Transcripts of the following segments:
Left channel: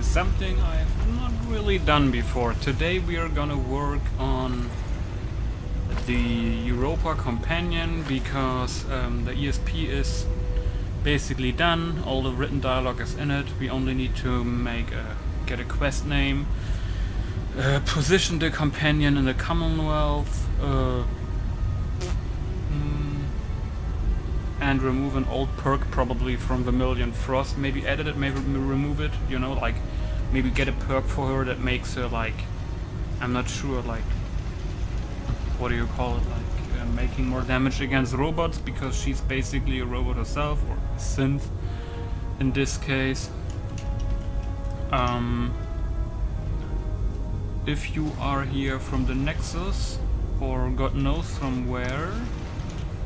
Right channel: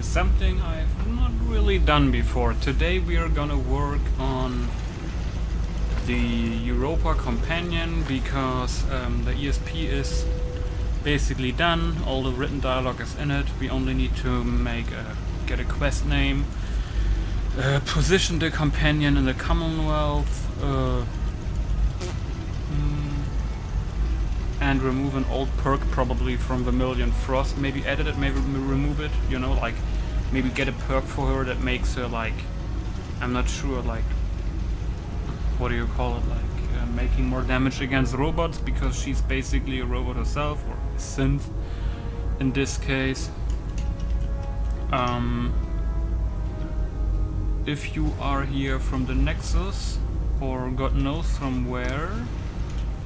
to something I've not really done before. Today we are gonna work on the Europa companion because the ESP is basically done. All the written dialogue is in it. We only need to get a quest name, position the companion in the Commonwealth, and remove an old perk probably from Vermilion Frost. Maybe edit it, maybe remove it, you know, like maybe get a perk for her that makes her like, I'm not sure, like, what do you call it, like making more damage against robots, because she's basically a robot herself, or a synth in this case. If you are here from the Nexus, or God knows from where,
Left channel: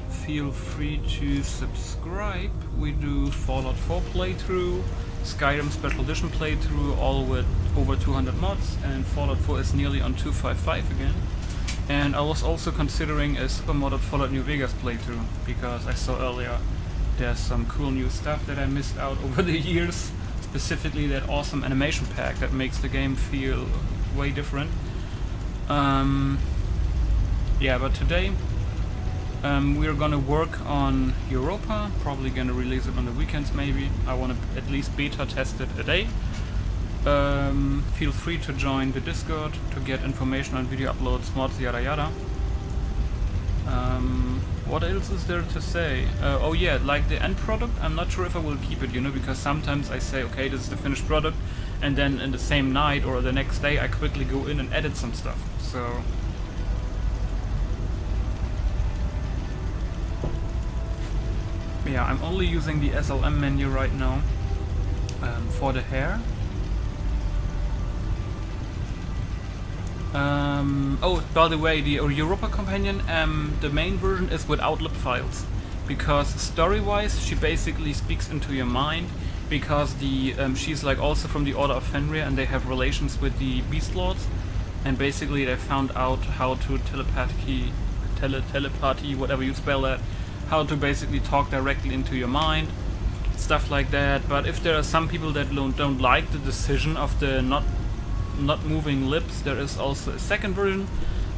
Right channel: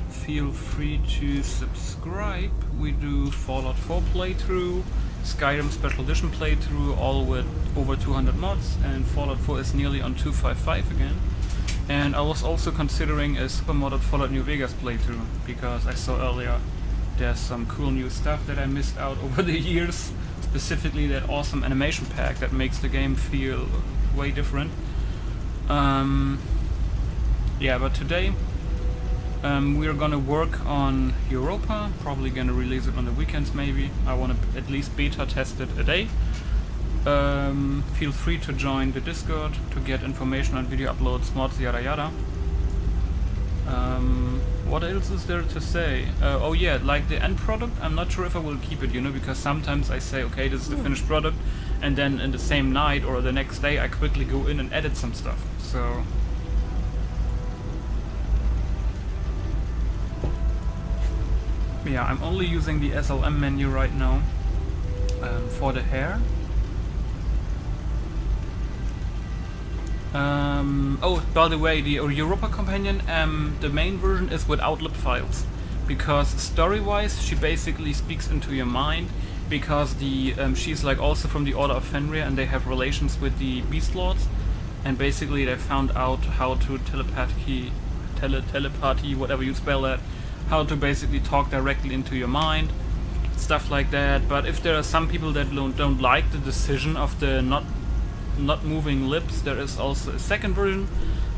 feel free to subscribe. We do Fallout 4 playthrough, Skyrim Special Edition playthrough, all with over 200 mods, and Fallout 4 is nearly on 255 again. And I was also considering a super modded Fallout New Vegas playthrough, because I saw earlier there's some cool new stuff that I missed out over the years, specifically that awesome animation pack that makes the game feel way different. Yeah, but today we're gonna work on Europa, probably gonna release it on the weekends maybe. I wanna at least beta test it a day. Feel free to join the Discord to get information on video uploads, mods, yada yada. What else is there to say? Oh yeah, like the end product, I'm not sure if I will keep it, you know, because sometimes I say, okay, this is the finished product, and then in the same night or the next day I quickly go in and edit some stuff, so... Yeah, I'm only using the SLM menu right now for the hair. Oh, by the way, the Europa companion, the main version is without lip files, because story-wise she basically speaks into your mind, because the she's like also from the Order of Fenrir, and they have relations with the Beast Lords, and basically they found out how to telepathy, whatever you spell that, how to basically talk directly into your mind, stuff like that. But if there are some people that don't like the decision of the not moving lips, there is also a second version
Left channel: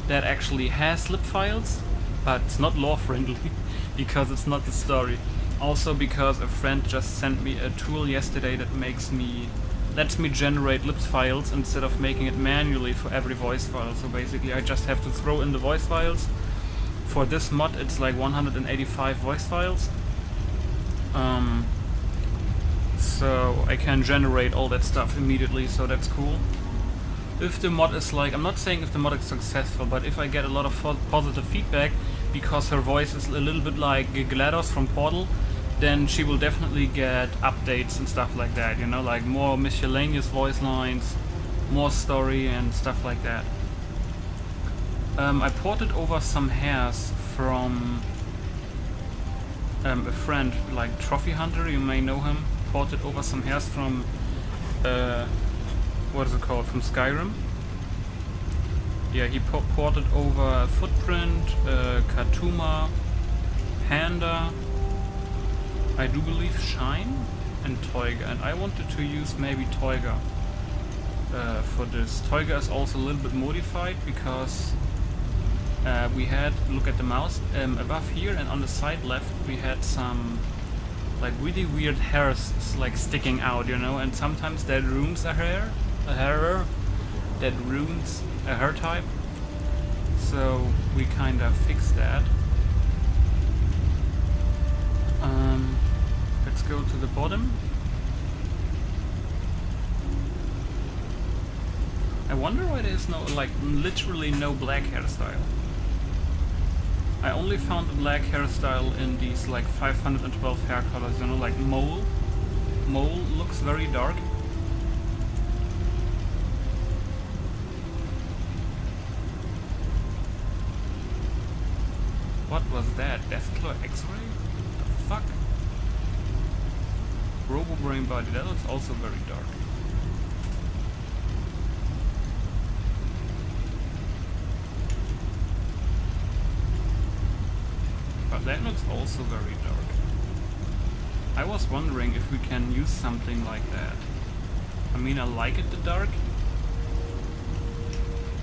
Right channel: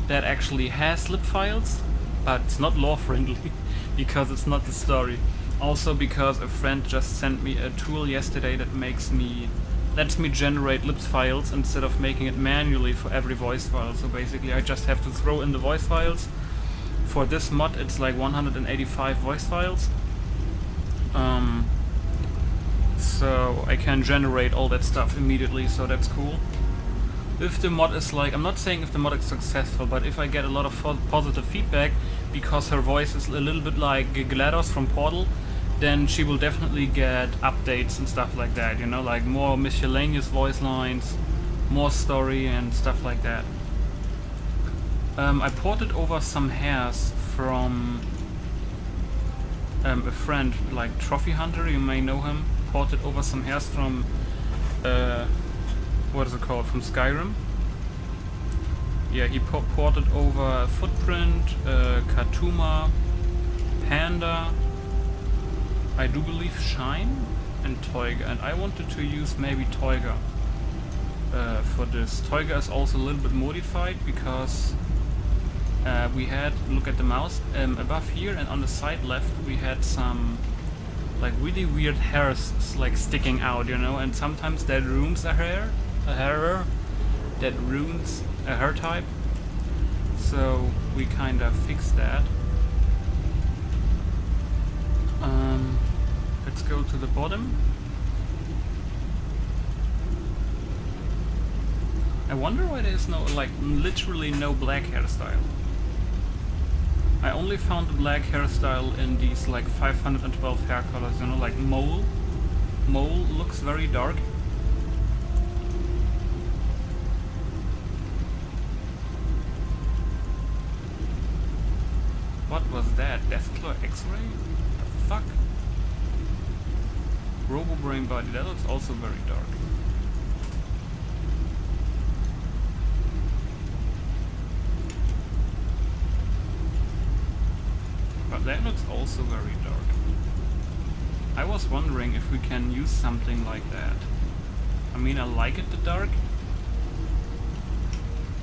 that actually has lip files, but it's not lore friendly because it's not the story. Also because a friend just sent me a tool yesterday that lets me generate lips files instead of making it manually for every voice file. So basically I just have to throw in the voice files. For this mod it's like 185 voice files, so I can generate all that stuff immediately, so that's cool. If the mod is like, I'm not saying if the mod is successful, but if I get a lot of positive feedback, because her voice is a little bit like GLaDOS from Portal, then she will definitely get updates and stuff like that, you know, like more miscellaneous voice lines, more story and stuff like that. I ported over some hairs from a friend, like Trophy Hunter, you may know him. Ported over some hairs from what is it called, from Skyrim. Yeah, he ported over Footprint, Katuma, Panda, I do believe Shine, and Toyga, and I wanted to use maybe Toyga for this. Toyga is also a little bit modified because we had, look at the mouse, above here and on the side left we had some like really weird hairs like sticking out, you know, and sometimes that ruins a hair, that ruins a hair type, so we kind of fixed that. Let's go to the bottom. I wonder why there's no, like, literally no black hairstyle. I only found the black hairstyle in these like 512 hair colors, you know, like mole. Mole looks very dark. What was that? Deathclaw X-ray? The fuck? Robo Brain Body, that looks also very dark. But that looks also very dark. I was wondering if we can use something like that. I mean, I like it the dark.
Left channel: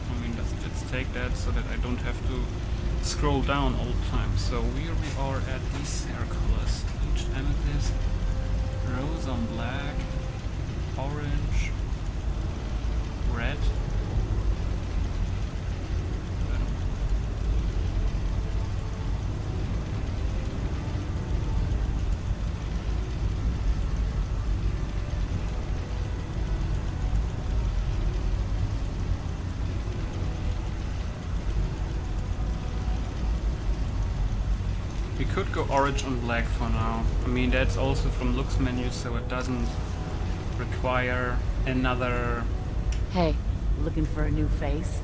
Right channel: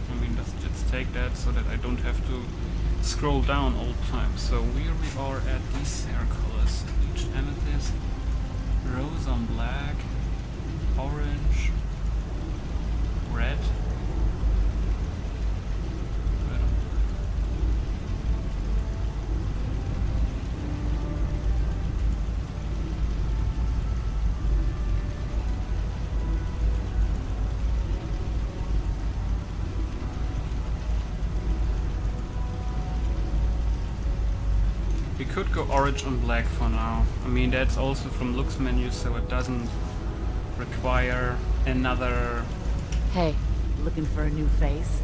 I mean, let's take that so that I don't have to scroll down all the time. So here we are at these hair colors. Bleached amethyst, rose on black, orange, red. Red on black. We could go orange on black for now. I mean, that's also from looks menu, so it doesn't require another... Hey, looking for a new face?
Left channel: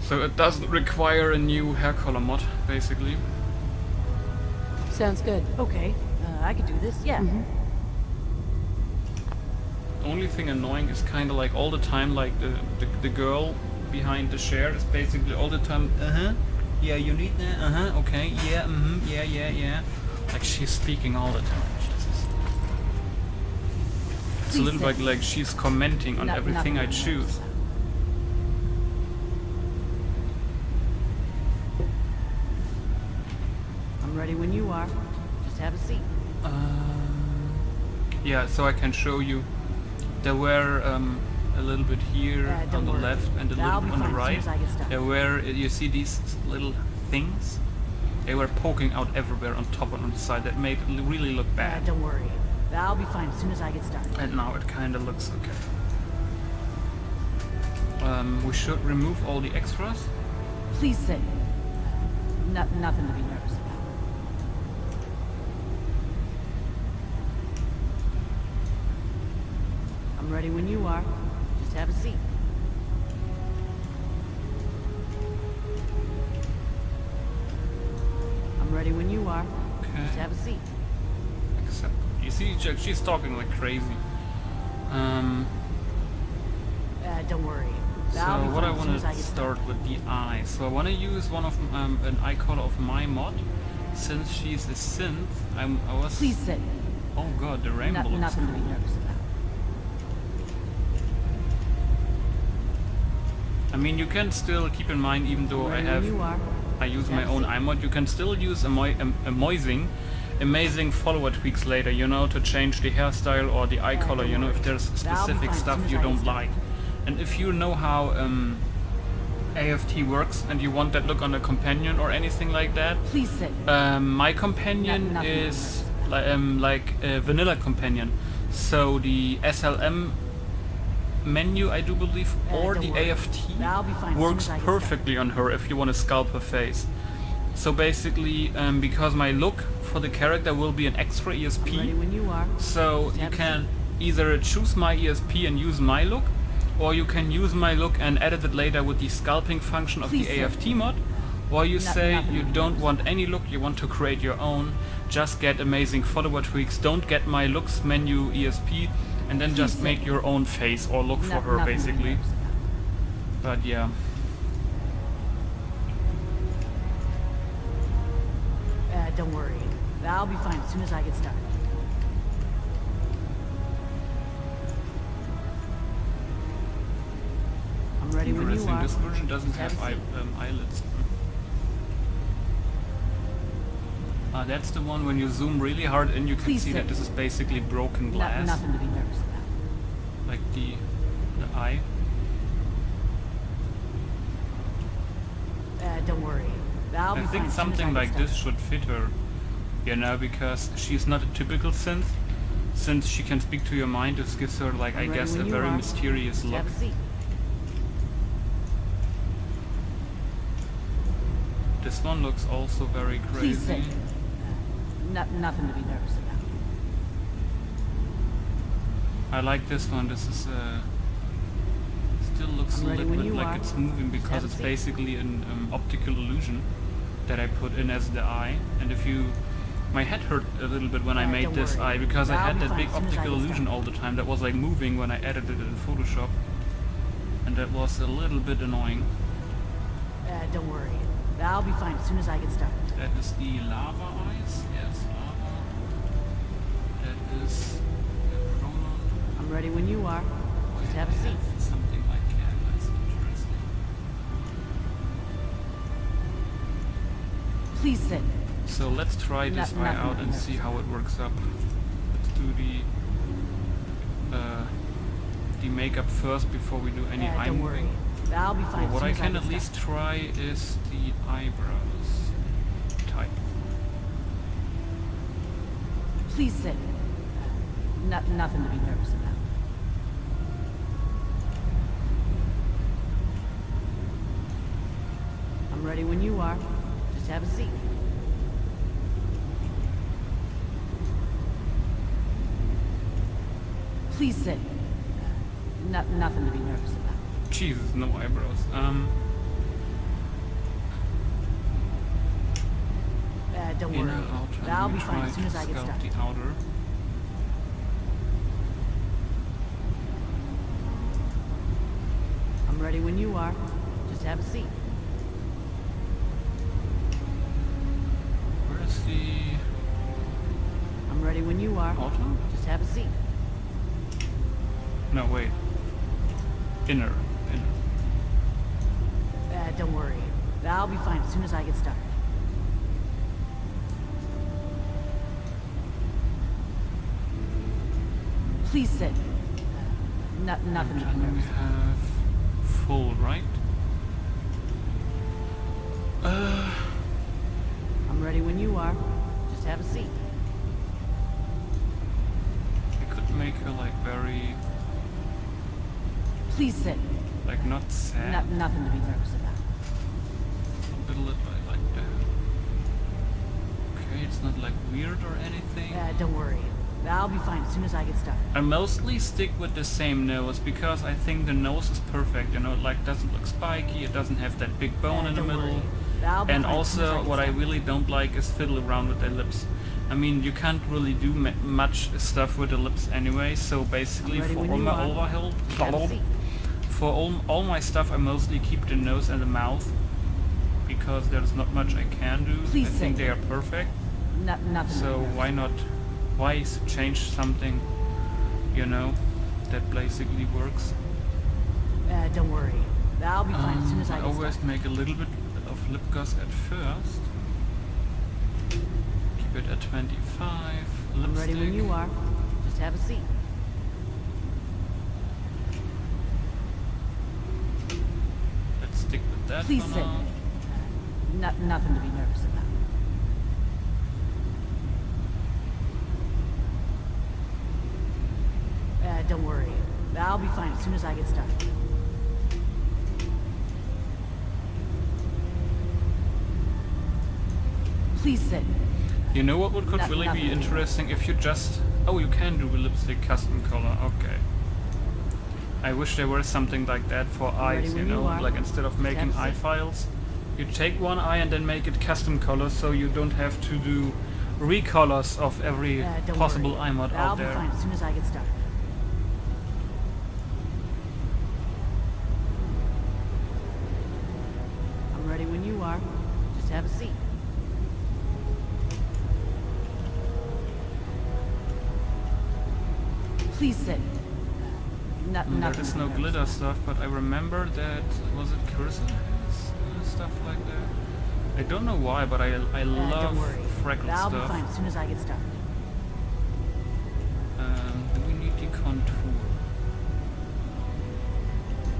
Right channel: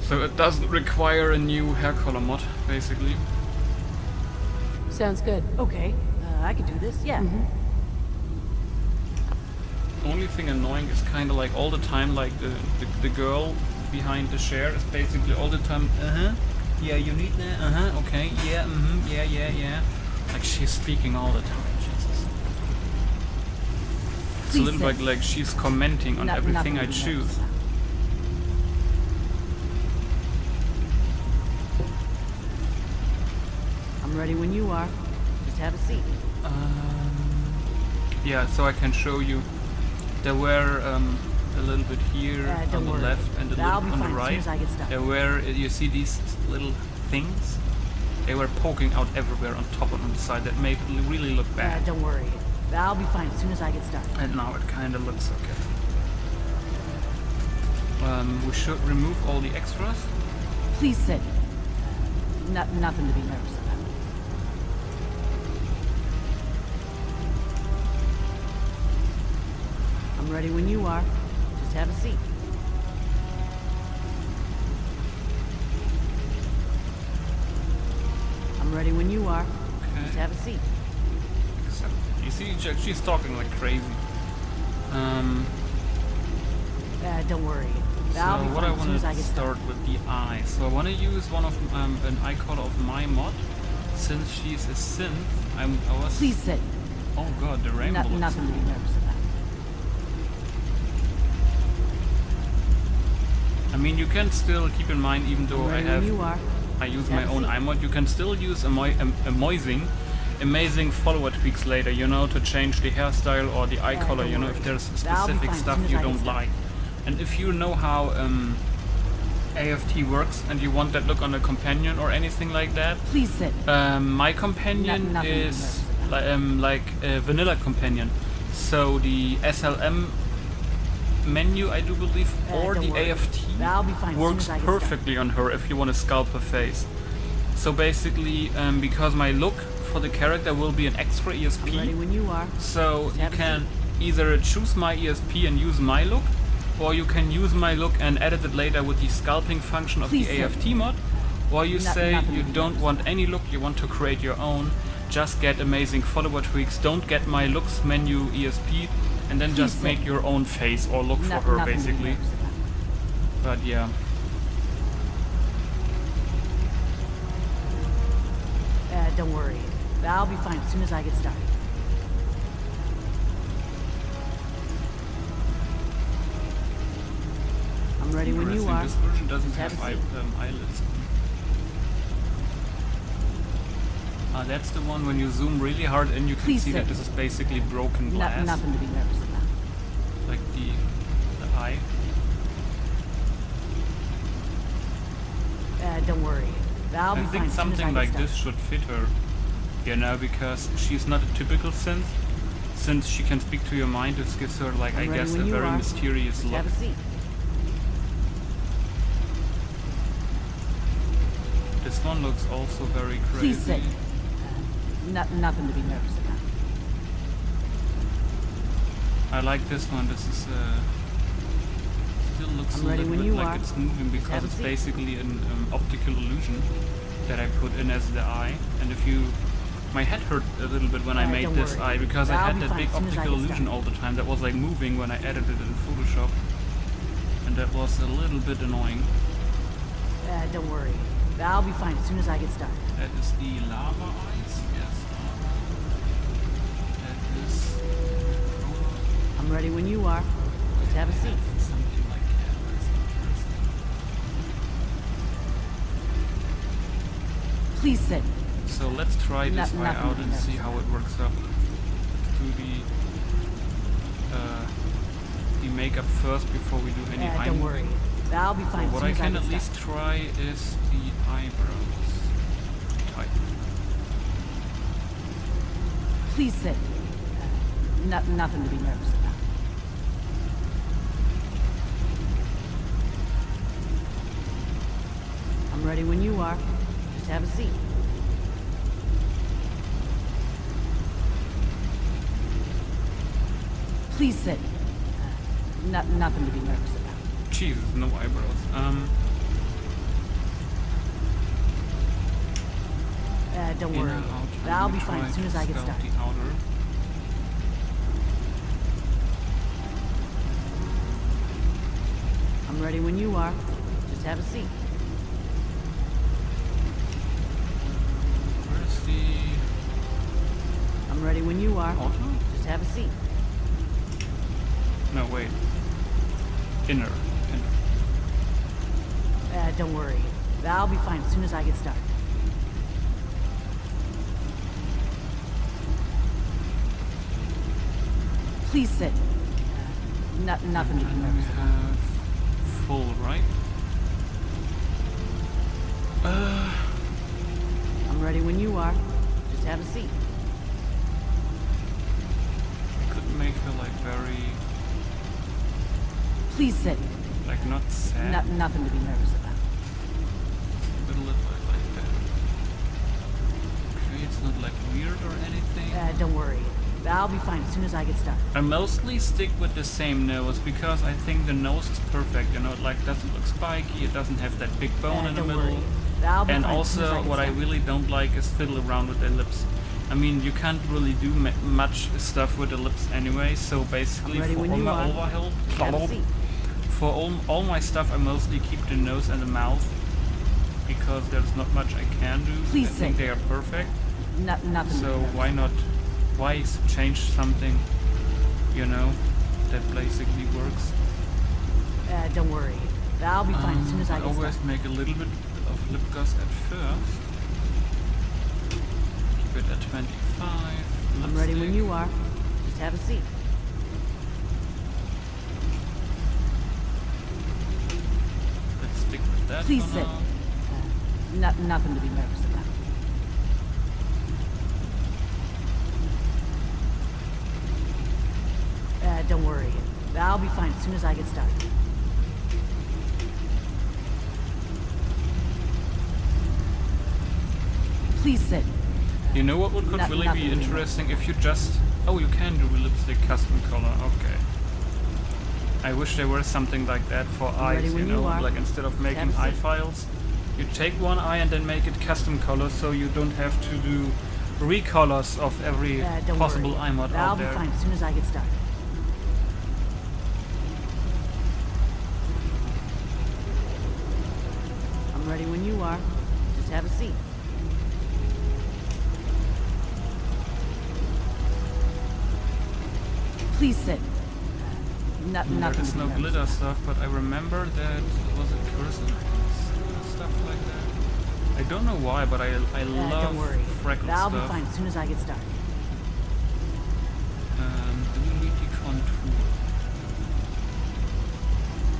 So it doesn't require a new hair color mod, basically. Sounds good. Okay, I could do this, yeah. Only thing annoying is kind of like all the time, like the girl behind the chair is basically all the time, yeah, you need that, okay, yeah, yeah. Like she's speaking all the time, Jesus. It's a little bit like she's commenting on everything I choose. I'm ready when you are. Just have a seat. Yeah, so I can show you. There were a little bit here on the left and a little bit on the right. There were, you see these little things? They were poking out everywhere on top and on the side. That made it really look bad. Don't worry. I'll be fine as soon as I get started. And now it kind of looks okay. We should remove all the extras. Please sit. Nothing to be nervous about. I'm ready when you are. Just have a seat. I'm ready when you are. Okay. Just have a seat. Except, you see, she's talking like crazy. Don't worry. So I'll be what I fine as soon want as I to get start started. with the eye. So I want to use one of an eye color of my mod. Since she's a synth, I was... Please sit. Oh god, the rainbow looks Nothing to cool. be nervous about. I mean, you can still keep in mind, even though I'm ready when you are. I use Just my have a own seat. eye mod, you can still use amazing follower tweaks later, you know, to change the hairstyle or the eye color, don't you know, worry. if there's I'll be specific fine as stuff soon as you I get don't started. like. And if you know how AFT works and you want that look on a companion or anything like that, Please sit. my companion Nothing to be is nervous about. like a vanilla companion. So the SLM menu, I do believe, or don't the worry. AFT I'll be fine as soon works as I get started. perfectly on her if you want to sculpt her face. So basically, because my look for the character will be an extra I'm ready ESP, when you are. so Just you have a can either choose my ESP and use my look, or you can use my look and edit it later with the sculpting function of Please the sit. AFT mod, or you say nothing you to be don't nervous want any look, you want to create your own, just get amazing follower tweaks, don't get my looks menu ESP, and then just sit. make your own face or look for her Nothing to be basically. nervous about. But yeah. Don't worry. I'll be fine as soon as I get started. I'm ready when you Interesting, are. this version doesn't Just have have a seat. eyelids. That's the one when you zoom really hard and you can Please see sit. that this is basically broken glass. Nothing to be nervous about. Like the eye. Don't worry. I'll I be fine think as soon as I something get like started. this should fit her, you know, because she's not a typical synth. Since she can speak to your mind, this gives her, like, I I'm ready guess, when a you very are. mysterious Just look. have a seat. This one looks also very crazy. Please sit. Nothing to be nervous about. I like this one. This is still looks I'm a ready little when bit you like are. it's moving Just because have a it's seat. basically an optical illusion that I put in as the eye. And if you, my head hurt a little bit when I made don't this worry. eye because I I'll had be that fine big as soon as I optical get illusion started. all the time that was like moving when I edited it in Photoshop, and that was a little bit annoying. Don't worry. I'll be fine as soon as I get started. That is the lava eyes. Yes, lava. That is prolong. I'm ready when you are. Just have a seat. Something like that. That's interesting. Please sit. So let's try this eye Nothing out to and be see nervous how it works up. Let's do the makeup first before we do any eye Don't moving. worry. I'll be So fine. as what soon I as can get at least try is the eyebrows type. started. Please sit. Nothing to be nervous about. I'm ready when you are. Just have a seat. Please sit. Nothing to be nervous about. Jesus, no eyebrows. Don't Inner, worry. outer. I'll Let me be fine try as soon as to I get sculpt started. the outer. I'm ready when you are. Just have a seat. Where's the I'm ready when you are. outer? Just have a seat. No, wait. Inner. Don't worry. I'll be fine as soon as I get started. Please sit. Nothing to be And then we nervous about. have full, right? I'm ready when you are. Just have a seat. I could make her like very, Please sit. like not sad. Nothing to be nervous about. A little bit like that. Okay, it's not like weird or anything. Don't worry. I'll be fine as soon as I get started. I mostly stick with the same nose because I think the nose is perfect, you know, it like doesn't look spiky, it doesn't have that big bone in the Don't middle. worry. I'll be And fine as soon as also get what I started. really don't like is fiddle around with their lips. I mean, you can't really do much stuff with the lips anyway, so basically ready for when all you my are. overhaul, Just have a seat. for all my stuff I mostly keep the nose and the mouth because there's not much I can do. Please I think sit. they are perfect. Nothing to be So nervous why not? Why change something, you know, that basically works? Don't worry. I'll be fine as soon as I get always started. make a little bit of lip gloss at first. Keep it at 25. I'm ready when Lipstick. you are. Just have a seat. Let's stick with that Please for sit. now. Nothing to be nervous about. Don't worry. I'll be fine as soon as I get started. Please sit. You know what could No- really nothing be to be interesting if you just... Oh, you can do a lipstick custom color, okay. I wish there were something like that for ready eyes, you when you know, are. like instead of Just have making a eye seat. files, you take one eye and then make it custom color so you don't have to do recolors of every Don't possible worry. eye mod I'll out be there. fine as soon as I get started. I'm ready when you are. Just have a seat. Please sit. Nothing There to is be no nervous glitter about. stuff, but I remember that, was it cursor hands, stuff like that? I don't know why, but I love Don't worry. freckle I'll stuff. be fine as soon as I get started. Do we need the contour?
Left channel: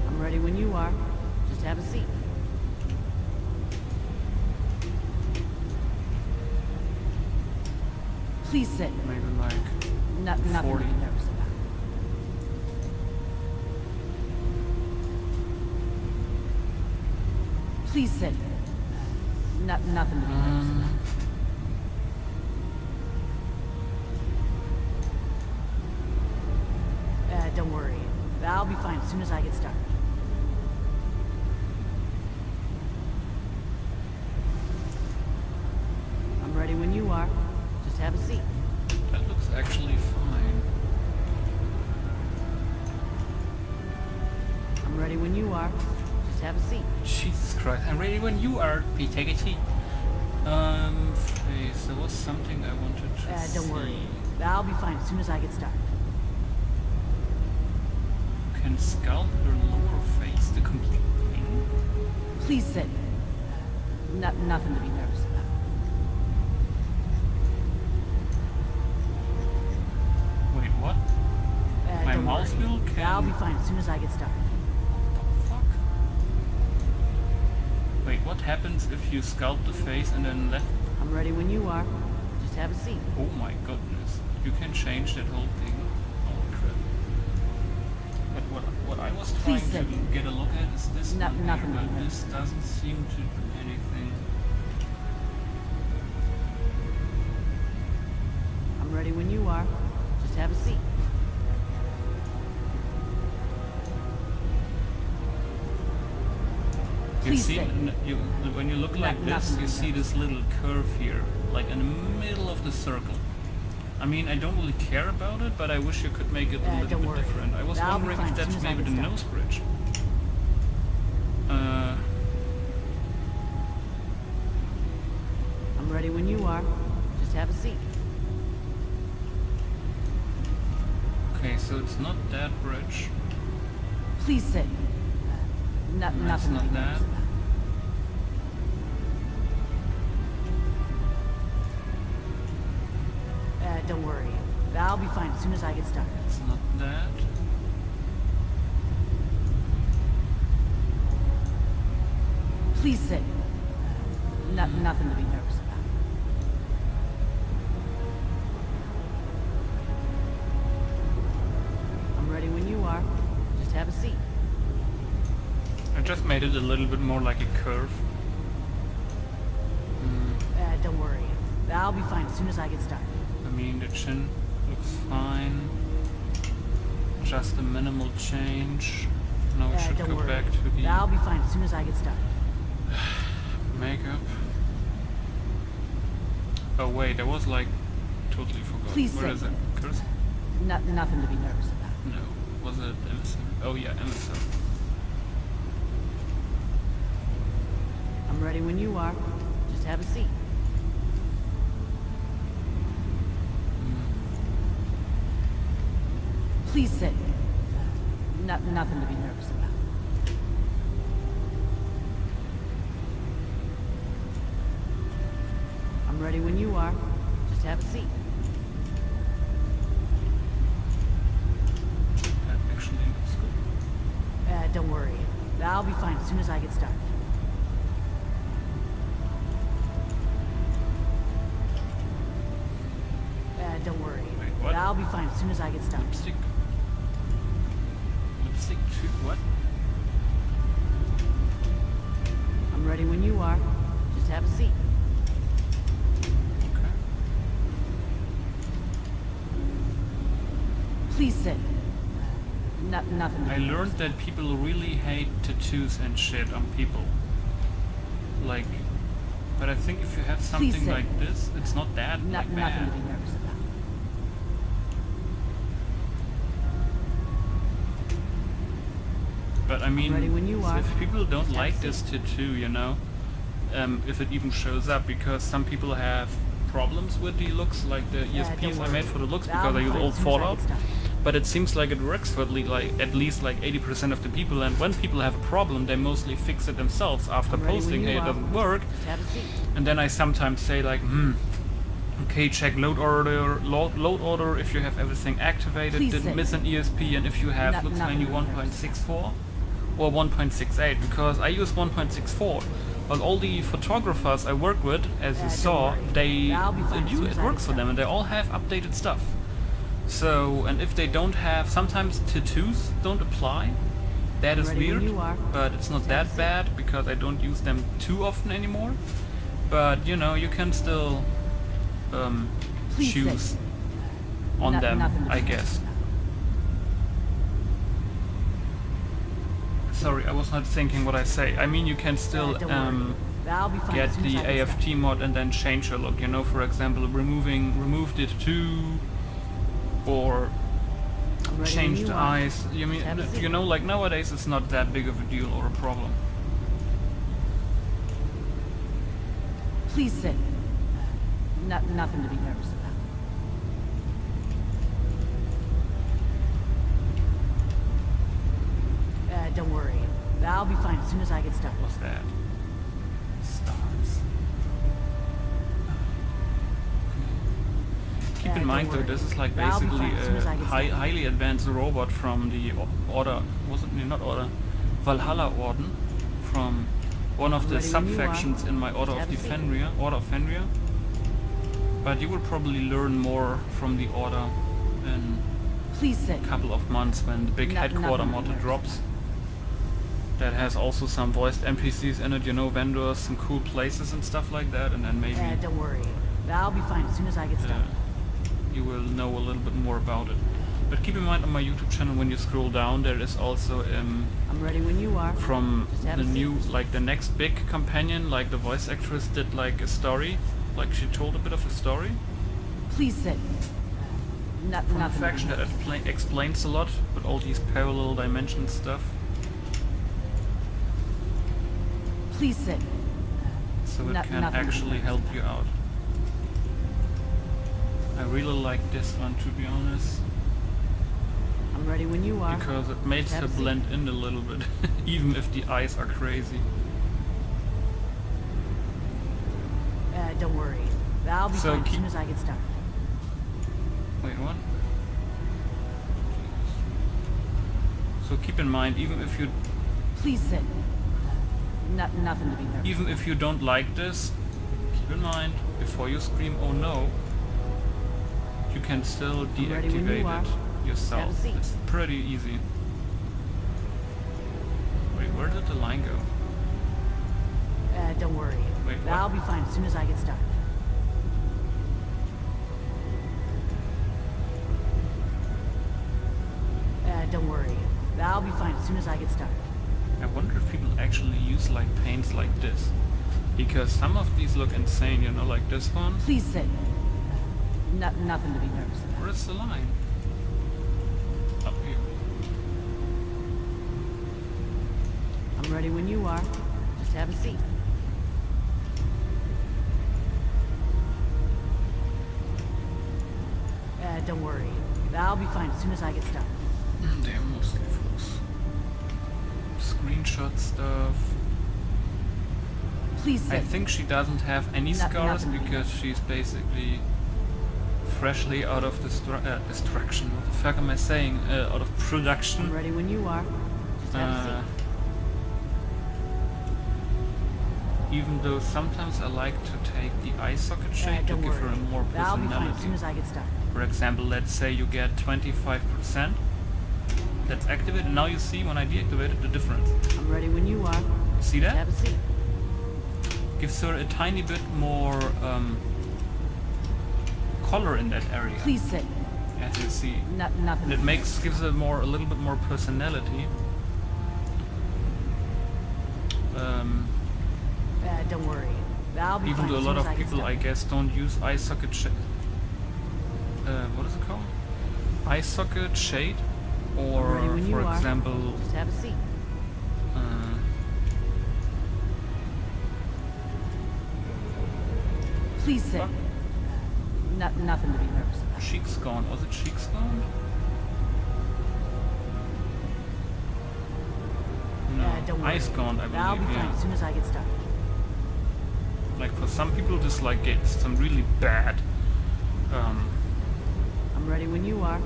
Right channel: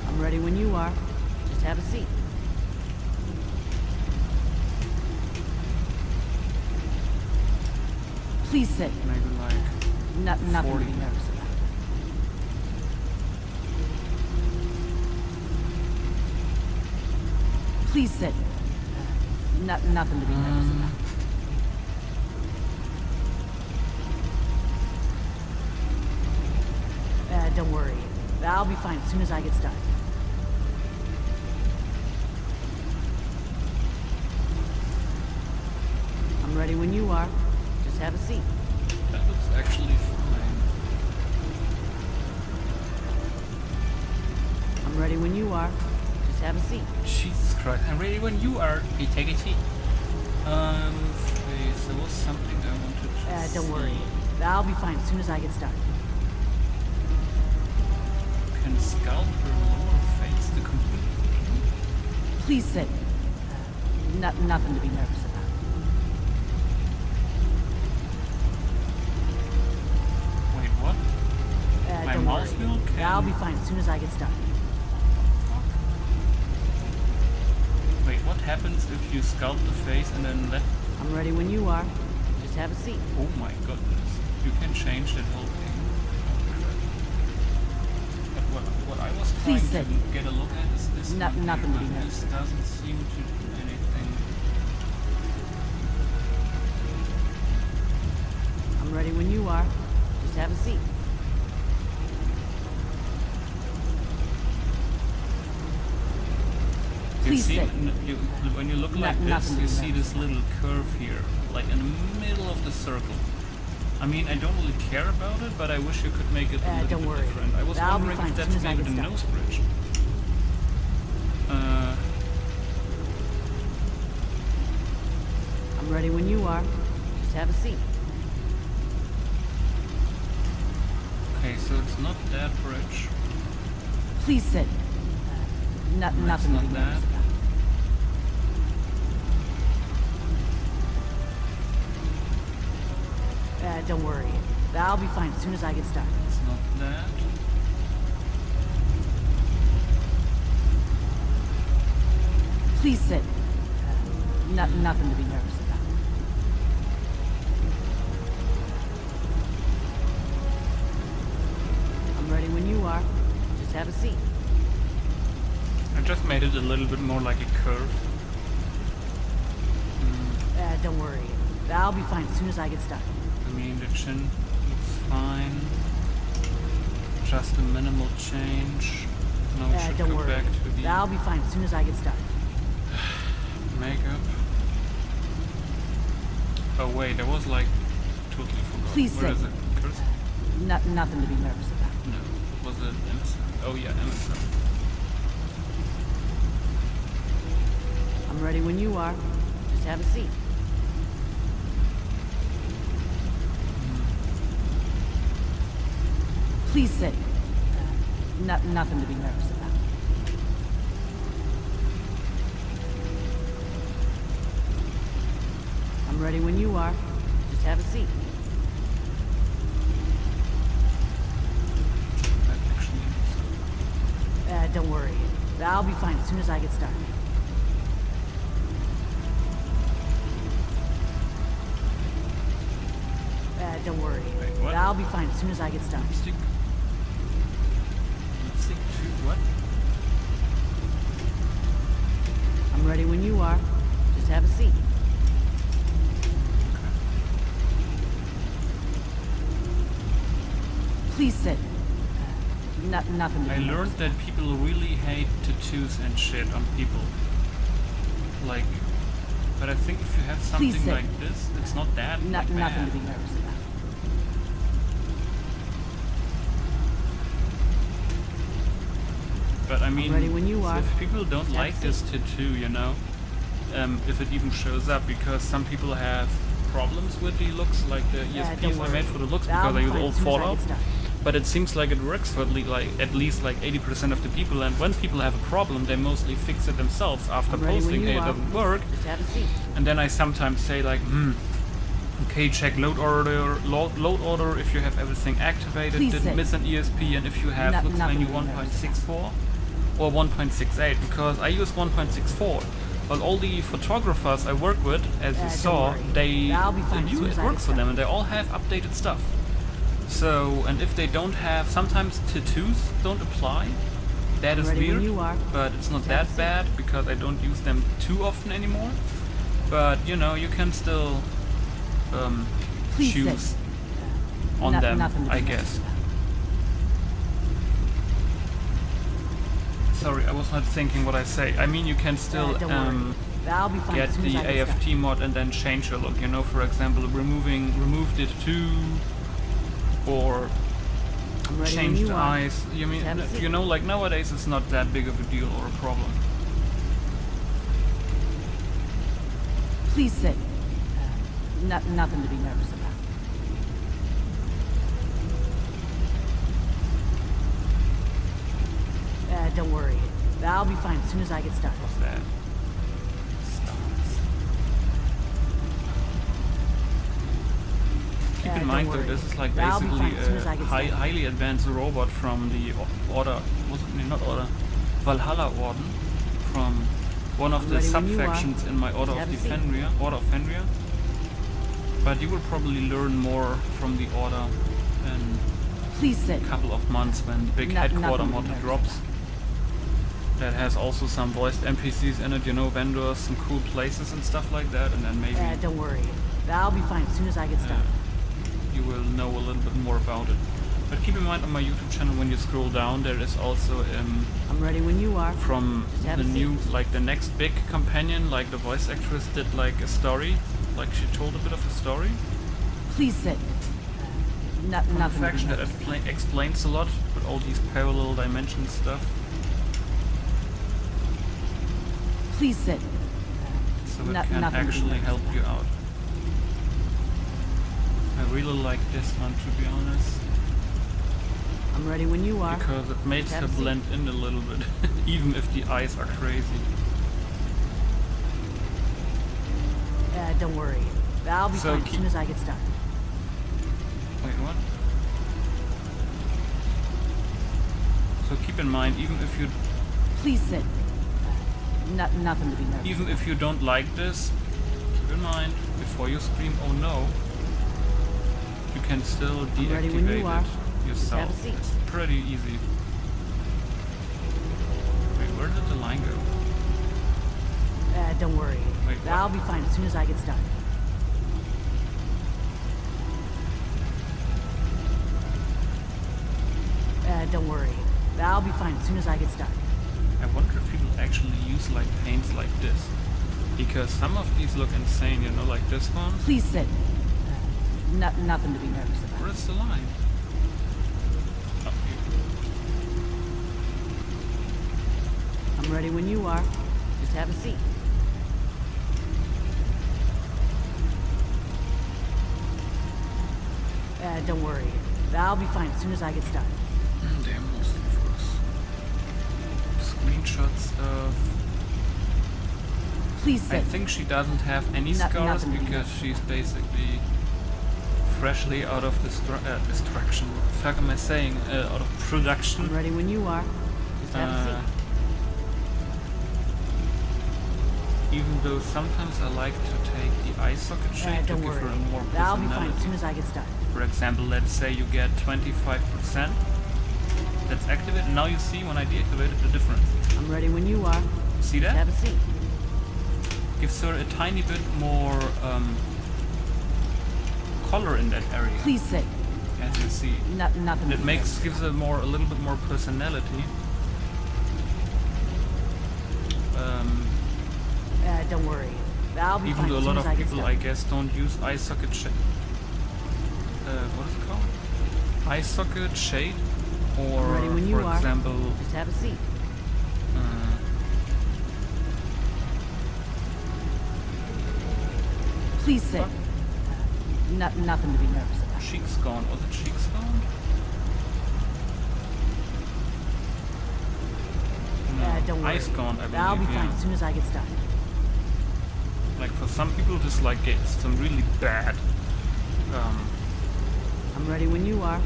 I'm ready when you are. Just have a seat. Please sit. Maybe like... Nothing to 40. be nervous about. Please sit. Nothing to be nervous about. Don't worry. I'll be fine as soon as I get started. I'm ready when you are. Just have a seat. That looks actually fine. I'm ready when you are. Just have a seat. Jesus Christ, I'm ready when you are. Please take a seat. Face, there was something I wanted to Don't worry. see. I'll be fine as soon as I get started. can sculpt her lower face the complete thing? Please sit. Nothing to be nervous about. Wait, what? My Don't mouse worry. wheel can... I'll be fine as soon as I get started. Fuck. Wait, what happens if you sculpt the face and then left? I'm ready when you are. Just have a seat. Oh my goodness. You can change that whole thing. Holy crap. But what I was trying Please to sit. get a look at is this one here, Nothing to but be nervous this about. doesn't seem to do anything. I'm ready when you are. Just have a seat. You Please see, sit. when you look like this, Nothing to you be see nervous this little curve here, like in the middle of the circle. I mean, I don't really care about it, but I wish you could make it a little don't bit worry. different. I was I'll be wondering fine if as soon that's as I maybe get the started. nose bridge. I'm ready when you are. Just have a seat. Okay, so it's not that bridge. Please sit. Nothing to not be nervous that. about. Don't worry. I'll be fine as soon as I get started. It's not that. Please sit. Nothing to be nervous about. I'm ready when you are. Just have a seat. I just made it a little bit more like a curve. Don't worry. I'll be fine as soon as I get started. I mean, the chin looks fine. Just a minimal change. Now we should Don't go worry. back to the I'll be fine as soon as I get started. makeup. Oh wait, I was like totally forgot. Please Where sit. is it? Cursor? Nothing to be nervous about. No. Was it emissary? Oh yeah, emissary. I'm ready when you are. Just have a seat. Please sit. Nothing to be nervous about. I'm ready when you are. Just have a seat. That actually looks good. Don't worry. I'll be fine as soon as I get started. Don't worry. Wait, what? I'll be fine as soon as I get started. Lipstick. Lipstick to what? I'm ready when you are. Just have a seat. Okay. Please sit. Nothing to be I nervous learned that people really hate tattoos and shit on people. Like, but I think if you have something sit. like this, it's not that like Nothing bad. to be nervous about. But I mean, ready when you are. if people don't Just have a like this tattoo, you know, if it even shows up, because some people have problems with the looks, like the don't ESPs I worry. made for the looks, I'll because I be use fine old as soon as I Fallout. get started. But it seems like it works for at least like 80% of the people, and when people have a problem, they mostly fix it themselves after I'm ready when posting you it are. doesn't work. Just have a seat. And then I sometimes say like, okay, check load order if you have everything activated, Please didn't sit. miss an ESP, and if you have looks Nothing menu to be nervous 1.64 or 1.68, because I use 1.64. But all the photographers I work with, as you don't saw, worry. I'll be fine as soon it as I works get for them, and they all have updated stuff. So, and if they don't have, sometimes tattoos don't apply. That is ready when weird, you are. but it's not Just have a that seat. bad because I don't use them too often anymore. But you know, you can still Please choose sit. on them, Nothing to be I nervous guess. about. Sorry, I was not thinking what I say. I mean, you can still Don't worry. I'll be fine get as soon as the I get AFT started. mod and then change your look. You know, for example, remove the tattoo, or I'm ready change when you the are. eyes. You mean, Just have a seat. you know, like nowadays it's not that big of a deal or a problem. Please sit. Nothing to be nervous about. Don't worry. I'll be fine as soon as I get started. What's that? Stars. Keep in don't mind though, worry. this is like I'll be basically fine as soon as I a get started. highly advanced robot from the Order, wasn't it? Not Order, Valhalla Orden, from one of I'm the ready when you are. sub-factions in my Order Just of have a seat. Fenrir, Order of Fenrir. But you will probably learn more from the Order in Please sit. a couple of months when the big headquarter nothing to be mod nervous drops. That has also some voiced NPCs in it, you know, vendors, some cool places and stuff like that, and then maybe Don't worry. I'll be fine as soon as I get started. you will know a little bit more about it. But keep in mind on my YouTube channel, when you scroll down, there is also I'm ready when you are. from Just have the a seat. new, like the next big companion, like the voice actress did like a story, like she told a bit of a story. Please sit. From the Nothing to be faction that nervous about. explains a lot with all these parallel dimension stuff. Please sit. So it nothing can to be actually nervous help about. you out. I really like this one, to be honest, I'm ready when you are. because it makes have her a seat. blend in a little bit, even if the eyes are crazy. Don't worry. I'll be So fine as soon as I get started. Wait, what? So keep in mind, even if you Please sit. Nothing to be nervous. even if you don't like this, keep in mind before you scream "Oh no," you can still I'm ready when you are. deactivate it yourself. have a seat. It's pretty easy. Wait, where did the line go? Don't worry. Wait, what? I'll be fine as soon as I get started. Don't worry. I'll be fine as soon as I get started. I wonder if people actually use like paints like this, because some of these look insane, you know, like this one. Please sit. Nothing to be nervous about. Where's the line? Oh, here. I'm ready when you are. Just have a seat. Don't worry. I'll be fine as soon as I get started. They're mostly for screenshot stuff. Please I sit. think she doesn't have any scars nothing to be because nervous she's basically freshly out of destruction. What the fuck am I saying? Out of production. I'm ready when you are. Just have a Uh, seat. even though sometimes I like to take the eye socket shade to Don't give her worry. a more I'll be fine as personality. soon as I get started. For example, let's say you get 25%. That's activated. Now you see when I deactivated the difference. I'm ready when you are. You see Just that? have a seat. Gives her a tiny bit more color in that area, Please sit. as you see. Nothing. And to it be makes nervous gives her a little bit more personality. Don't worry. I'll be Even fine though a as lot soon as of I get people, I started. guess, don't use eye socket shade. What is it called? Eye socket shade, or I'm ready when you for are. example, Just have a seat. Please sit. Fuck. Nothing to be nervous about. cheeks gone. Was it cheeks gone? No, Don't worry. eyes gone. I believe. I'll be fine Yeah. as soon as I get started. Like for some people, this like gets some really bad. I'm ready when you are.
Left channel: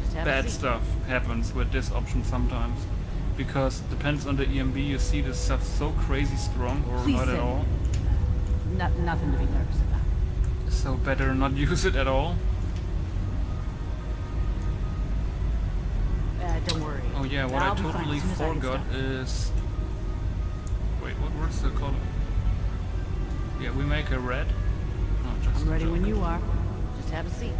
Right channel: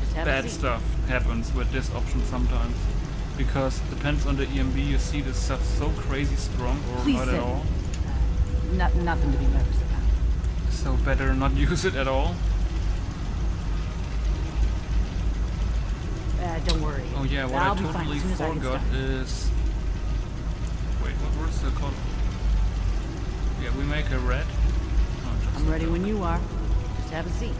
Just have a Bad seat. stuff happens with this option sometimes, because it depends on the EMB. You see this stuff so crazy strong or Please not sit. at all. Nothing to be nervous about. So better not use it at all. Don't worry. Oh yeah, what I'll I be fine totally as soon as I get forgot started. is. Wait, what was the color? Yeah, we make a red. Oh, just I'm a ready joke. when you are. Just have a seat.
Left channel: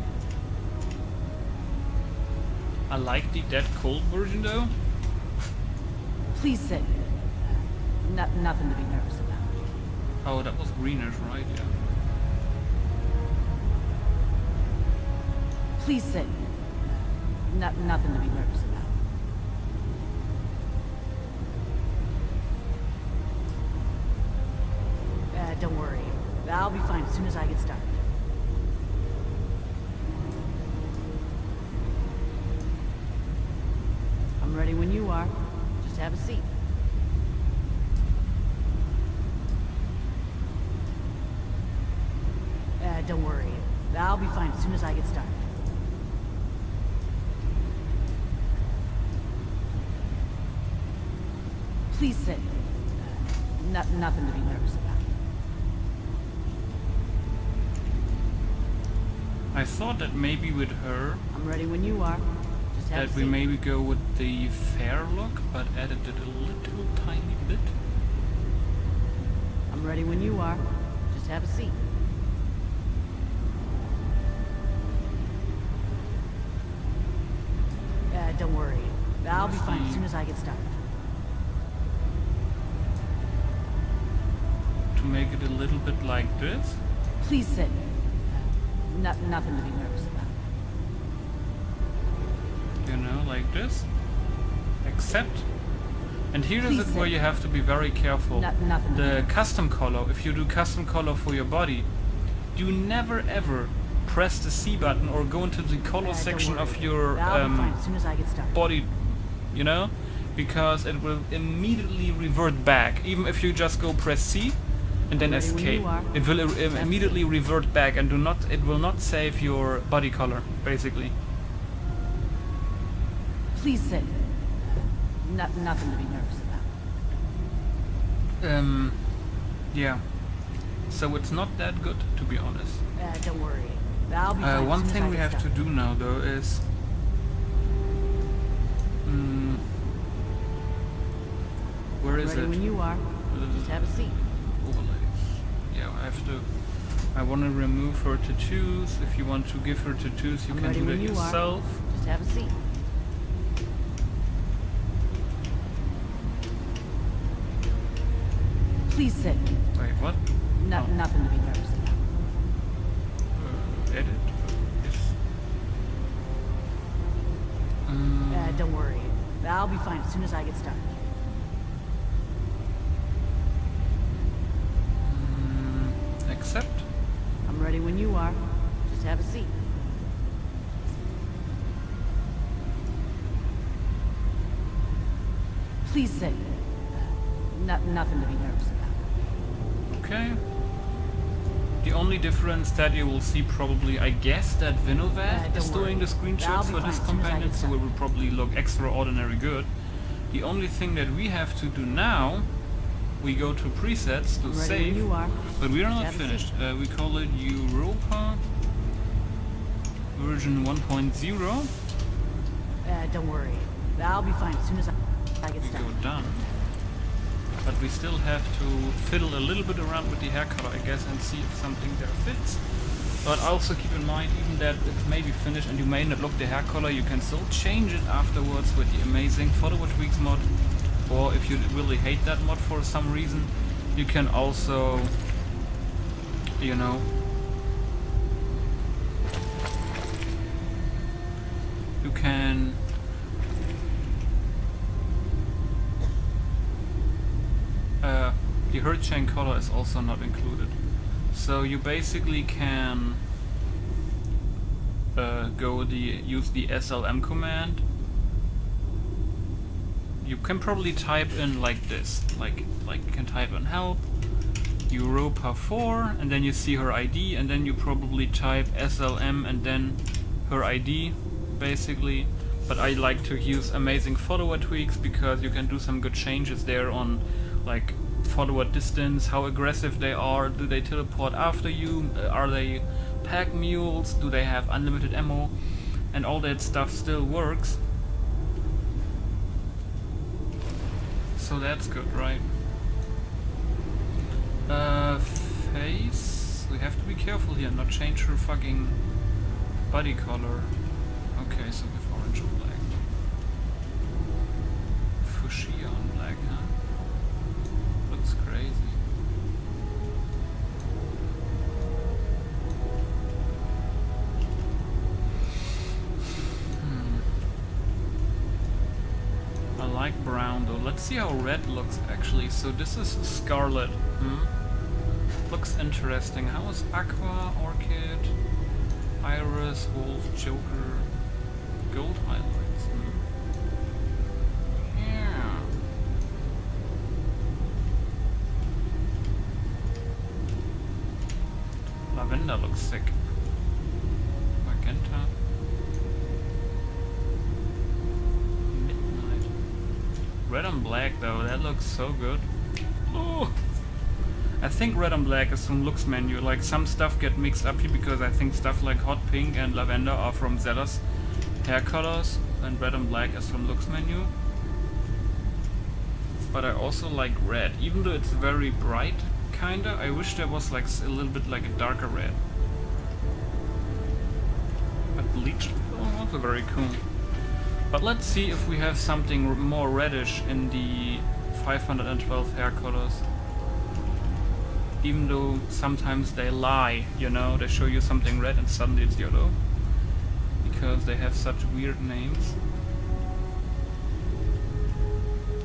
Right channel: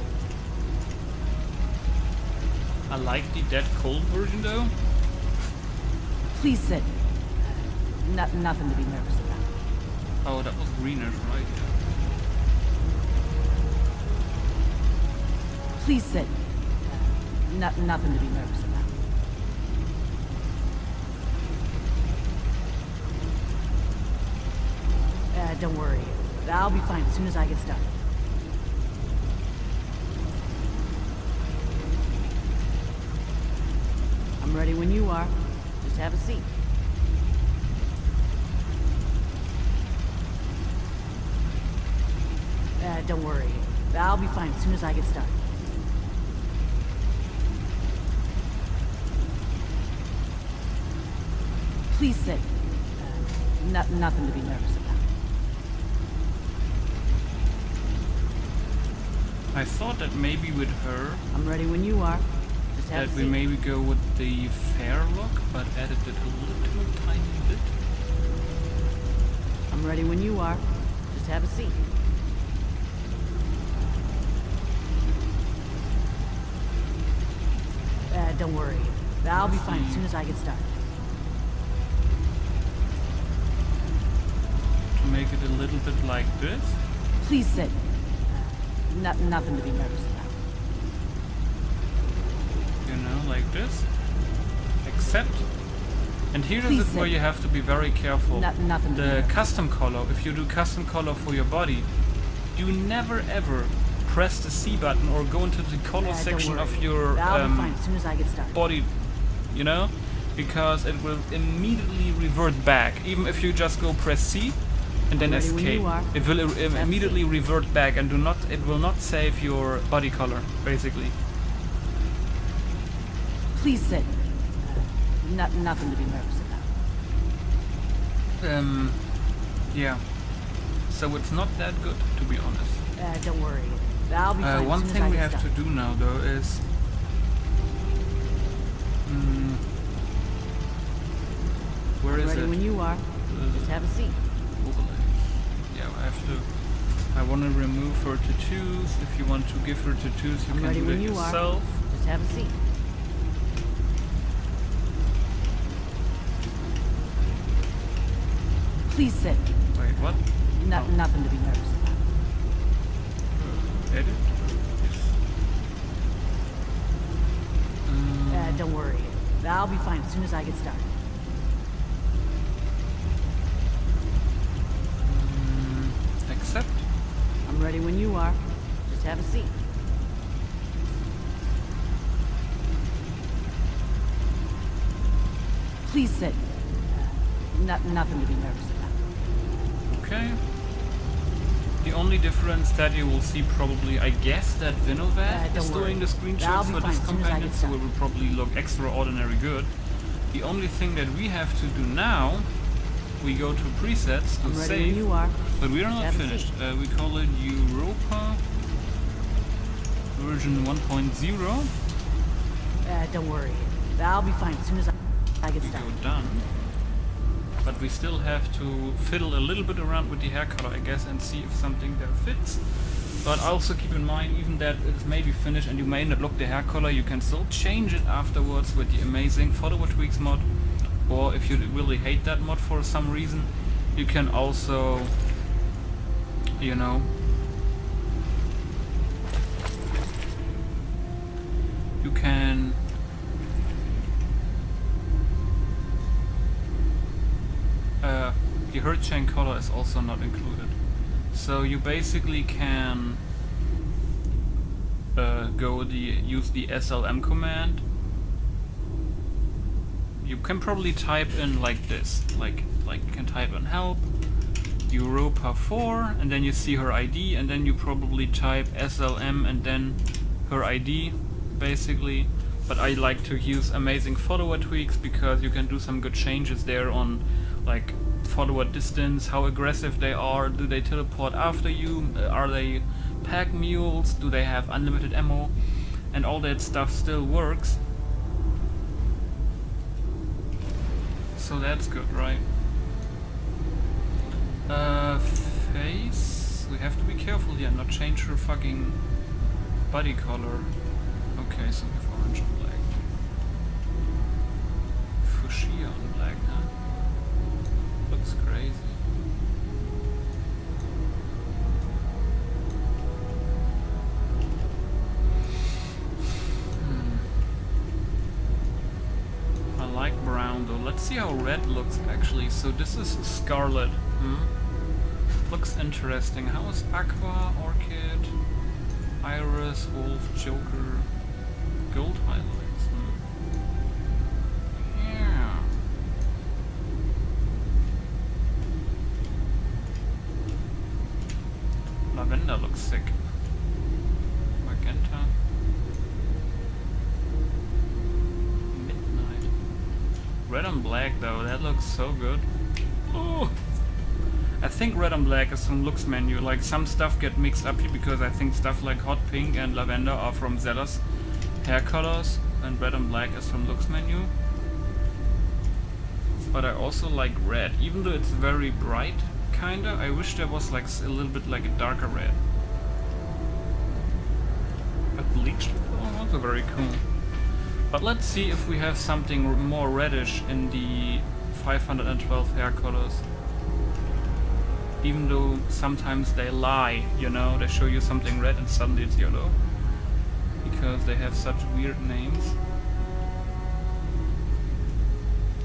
I like the dead cold version though. Please sit. Nothing to be nervous about. Oh, that was greenish, right? Yeah. Please sit. Nothing to be nervous about. Don't worry. I'll be fine as soon as I get started. I'm ready when you are. Just have a seat. Don't worry. I'll be fine as soon as I get started. Please sit. Nothing to be nervous about. I thought that maybe with her I'm ready when you are. Just have that a we seat. maybe go with the fair look, but added it a little tiny bit. I'm ready when you are. Just have a seat. Don't worry. I'll be fine as soon as I get started. To make it a little bit like this. Please sit. Nothing to be nervous about. You know, like this. Except, and here is Please it where sit. you have to be very careful. Nothing to be The nervous. custom color, if you do custom color for your body, do never ever press the C button or go into the color Don't section worry. of your I'll be fine as soon as I get started. body, you know, because it will immediately revert back. Even if you just go press C and then I'm ready when escape, you are. it will Have a immediately revert back and it will not save your body color, basically. Please sit. Nothing to be nervous about. Yeah. So it's not that good, to be honest. Don't worry. I'll be fine One as soon thing as I we get have to started. do now, though, is where I'm is ready it? when you are. Just have a seat. Overlays. Yeah, I have to. I want to remove her tattoos. If you want to give her tattoos, you I'm can ready do when that you yourself. are. Just have a seat. Please sit. Wait, what? Oh. Nothing to be nervous about. Edit? Yes. Don't worry. I'll be fine as soon as I get started. Accept. I'm ready when you are. Just have a seat. Please sit. Nothing to be nervous about. Okay. The only difference that you will see probably, I guess, that wtaw don't is doing the worry. screenshots I'll be for fine this as soon as I companion, get so it started. will probably look extraordinary good. The only thing that we have to do now, we go to presets to I'm ready when save, you are. but we are Just not have a finished. seat. We call it Europa version 1.0. Don't worry. I'll be fine as soon as I get We go started. done. But we still have to fiddle a little bit around with the hair color, I guess, and see if something there fits. But also keep in mind, even that it's maybe finished and you may not look the hair color, you can still change it afterwards with the amazing VictoriaG mod. Or if you really hate that mod for some reason, you can also, you know, you can the hurt chain color is also not included. So you basically can use the SLM command. You can probably type in like this, like you can type in help Europa 4 and then you see her ID and then you probably type SLM and then her ID basically. But I like to use amazing follower tweaks because you can do some good changes there on like follower distance, how aggressive they are, do they teleport after you, are they pack mules, do they have unlimited ammo, and all that stuff still works. So that's good, right? Face, we have to be careful here, not change her fucking body color. Okay, so we have orange on black. Fuchsia on black, huh? Looks crazy. I like brown though. Let's see how red looks actually. So this is scarlet. Looks interesting. How is aqua, orchid, iris, wolf, joker, gold highlights? Yeah. Lavender looks sick. Magenta. Midnight. Red on black though, that looks so good. Oh! I think red and black is from looks menu. Like some stuff get mixed up here because I think stuff like hot pink and lavender are from Zella's hair colors and red and black is from looks menu. But I also like red, even though it's very bright, kinda. I wish there was like a little bit like a darker red. But bleached, oh, also very cool. But let's see if we have something more reddish in the 512 hair colors. Even though sometimes they lie, you know, they show you something red and suddenly it's yellow. Because they have such weird names.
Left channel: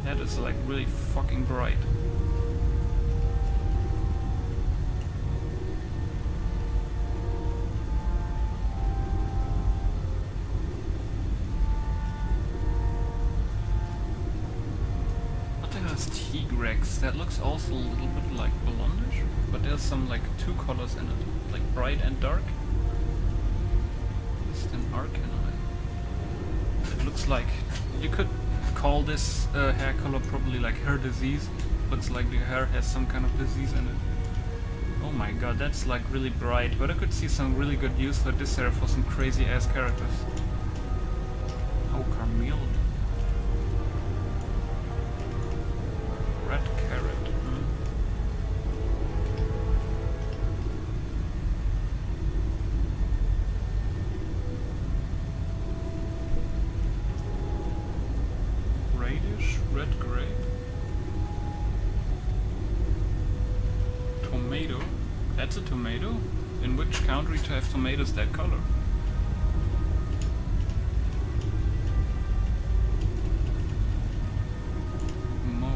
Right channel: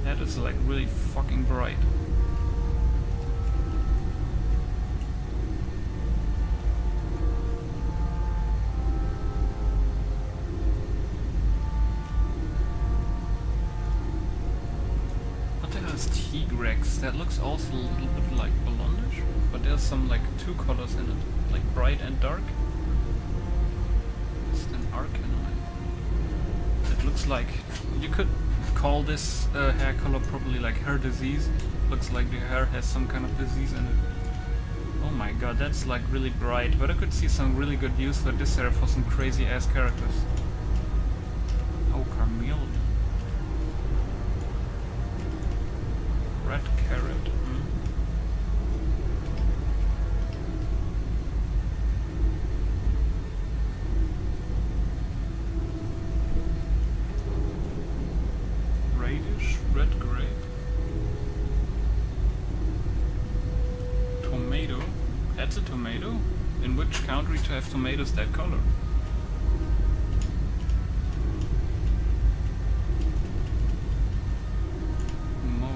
That is like really fucking bright. What the hell is T-Rex? That looks also a little bit like blondish, but there's some like two colors in it, like bright and dark. It's an Arcanine. It looks like you could call this hair color probably like hair disease. Looks like the hair has some kind of disease in it. Oh my god, that's like really bright, but I could see some really good use for this hair for some crazy ass characters. Oh, Carmel. Red carrot. Radish, red grape, tomato. That's a tomato? In which country to have tomatoes that color? Mole.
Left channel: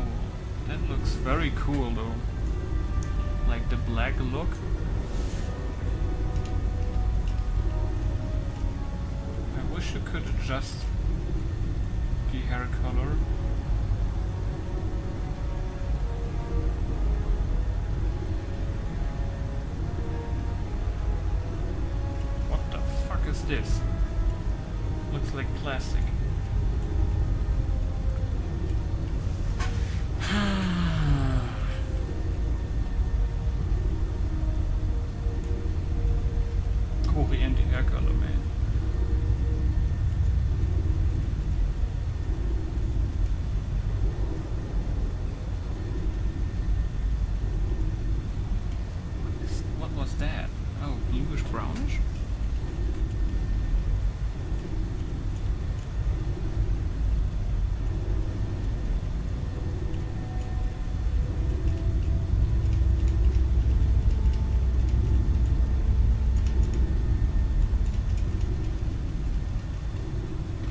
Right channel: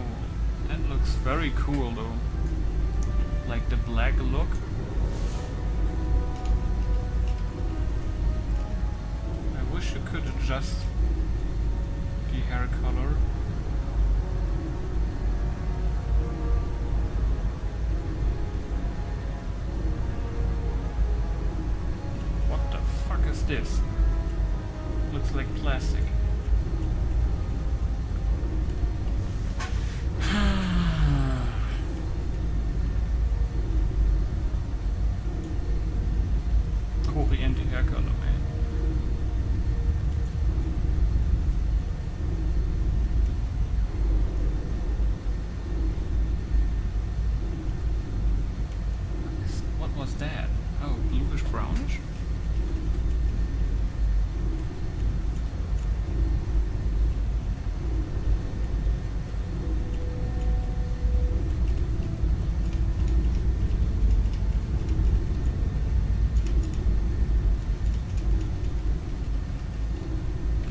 That looks very cool though. Like the black look. I wish you could adjust the hair color. What the fuck is this? Looks like plastic. Oriente hair color, man. What was that? Oh, bluish brownish?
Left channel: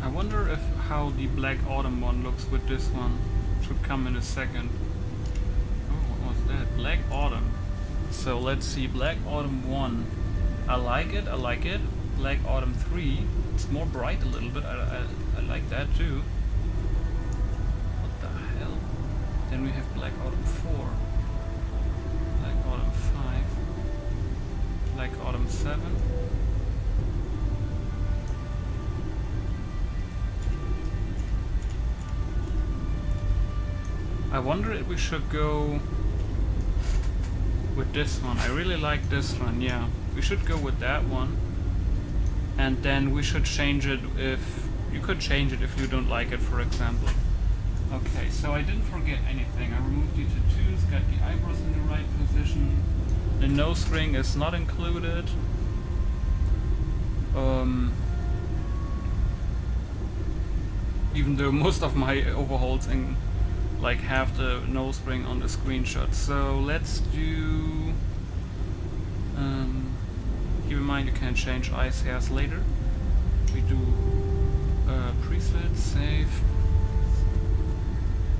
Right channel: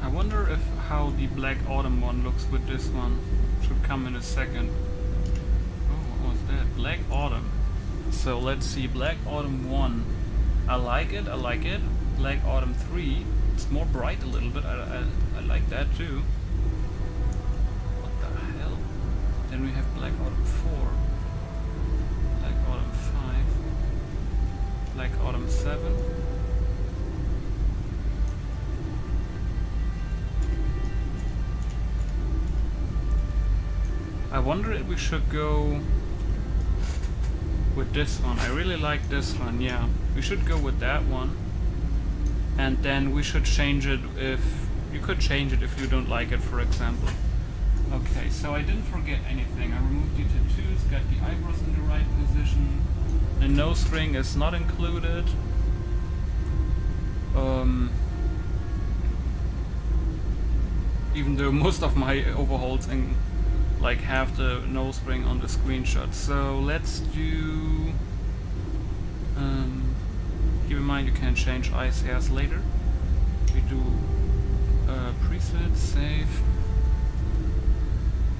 I wonder if how the Black Autumn one looks with this one. Should come in a second. Oh, what was that? Black Autumn. So let's see, Black Autumn 1. I like it, I like it. Black Autumn 3. It's more bright a little bit. I like that too. What the hell? Then we have Black Autumn 4. Black Autumn 5. Black Autumn 7. I wonder if we should go with this one. I really like this one, yeah. We should go with that one. And then we should change it if... You could change it if you don't like it, for example. Okay, so I didn't forget anything. I removed the tattoos, got the eyebrows in the right position. The nose ring is not included. Even though most of my overhauls in like have the nose ring on the screenshot. So let's do keep in mind you can change eyes hairs later. We do preset, save,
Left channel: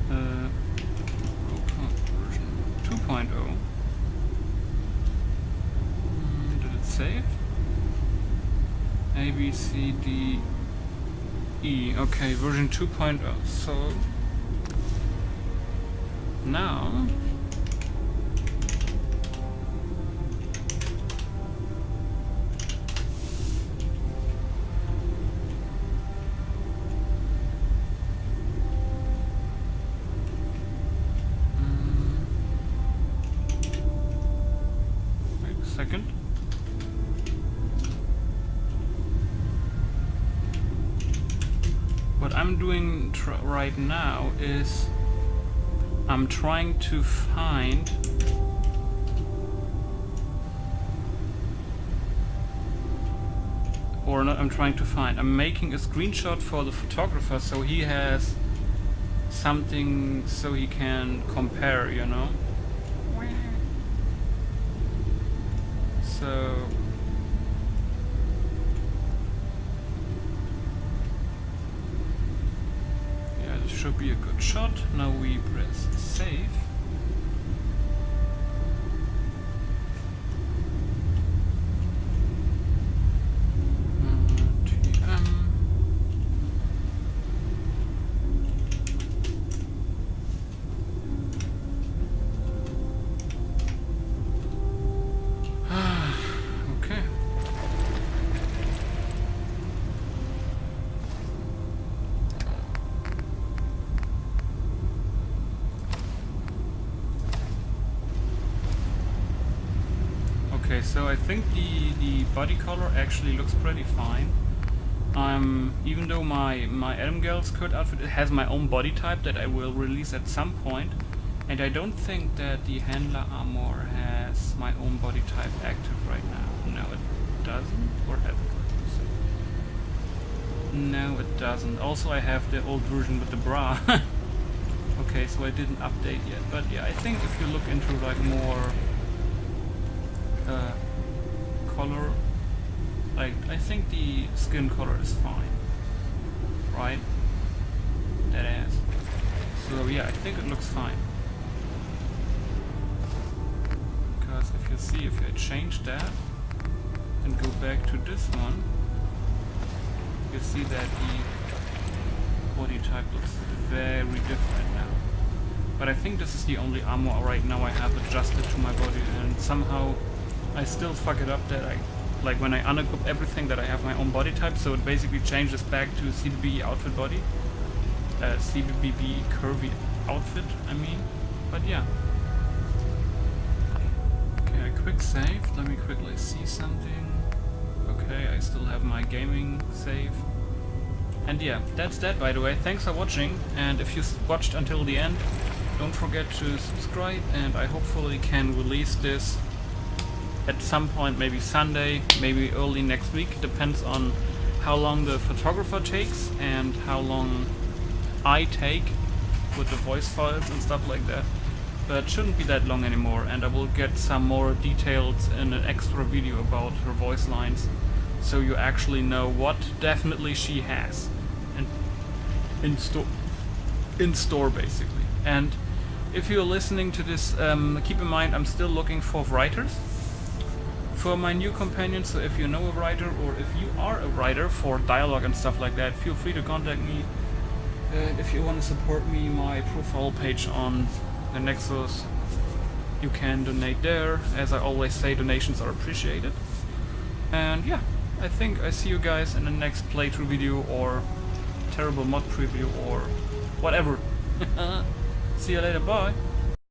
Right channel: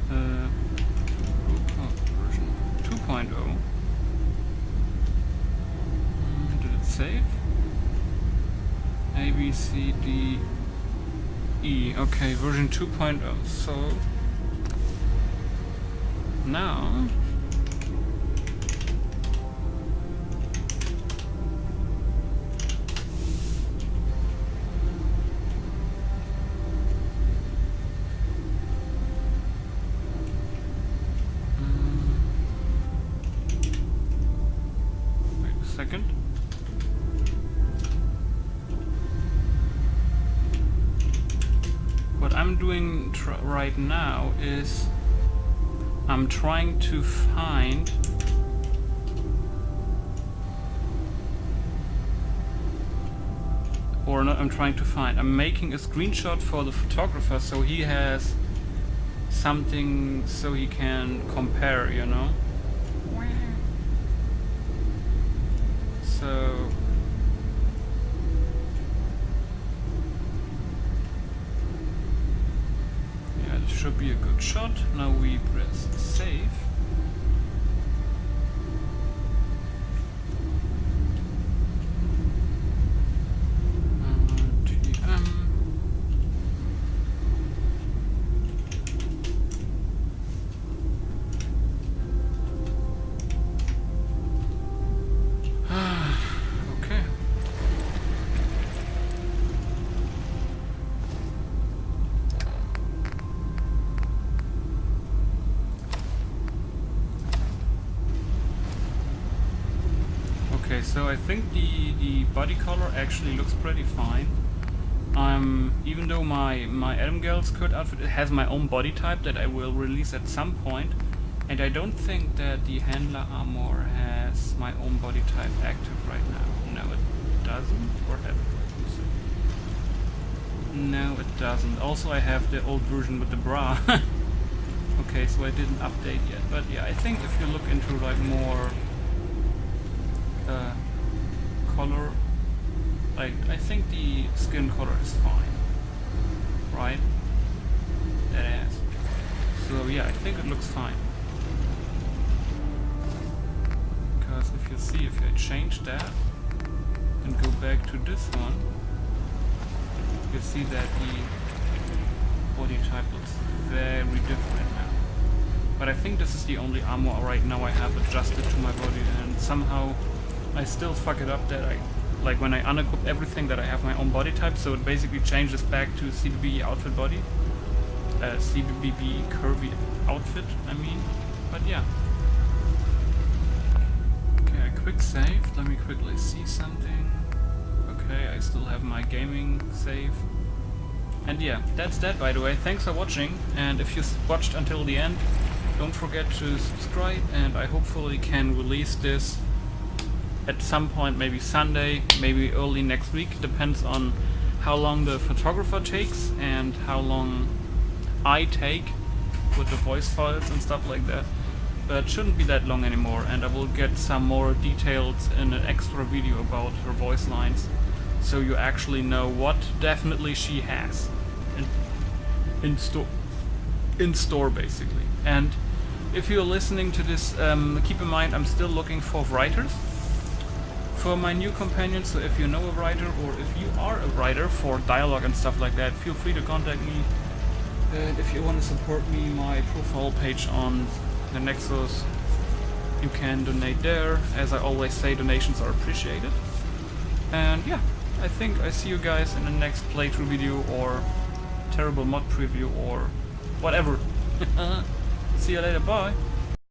Europa version 2.0. Did it save? A, B, C, D, E. Okay, version 2.0. So now second. What I'm doing right now is I'm trying to find I'm making a screenshot for the photographer so he has something so he can compare, you know? So yeah, this should be a good shot. Now we press save. Okay. Okay, so I think the body color actually looks pretty fine. Even though my Adam Girl's skirt outfit has my own body type that I will release at some point, and I don't think that the handler armor has my own body type active right now. No, it doesn't, or have it? Let me see. No, it doesn't. Also, I have the old version with the bra. Okay, so I didn't update yet, but yeah, I think if you look into like more color, like I think the skin color is fine, right? That ass. So yeah, I think it looks fine. Because if you see, if I change that and go back to this one, you see that the body type looks very different now. But I think this is the only armor right now I have adjusted to my body, and somehow I still fuck it up that I, like when I unequip everything, that I have my own body type, so it basically changes back to CBB outfit body. CBB curvy outfit, I mean. But yeah. Okay, I quick save. Let me quickly see something. Okay, I still have my gaming save. And yeah, that's that, by the way. Thanks for watching, and if you watched until the end, don't forget to subscribe, and I hopefully can release this at some point, maybe Sunday, maybe early next week. Depends on how long the photographer takes and how long I take with the voice files and stuff like that. But it shouldn't be that long anymore, and I will get some more details in an extra video about her voice lines, so you actually know what definitely she has in store basically. And if you're listening to this, keep in mind I'm still looking for writers for my new companion, so if you know a writer, or if you are a writer for dialogue and stuff like that, feel free to contact me. And if you want to support me, my profile page on the Nexus, you can donate there. As I always say, donations are appreciated. And yeah, I think I see you guys in the next playthrough video or terrible mod preview or whatever. See you later, bye!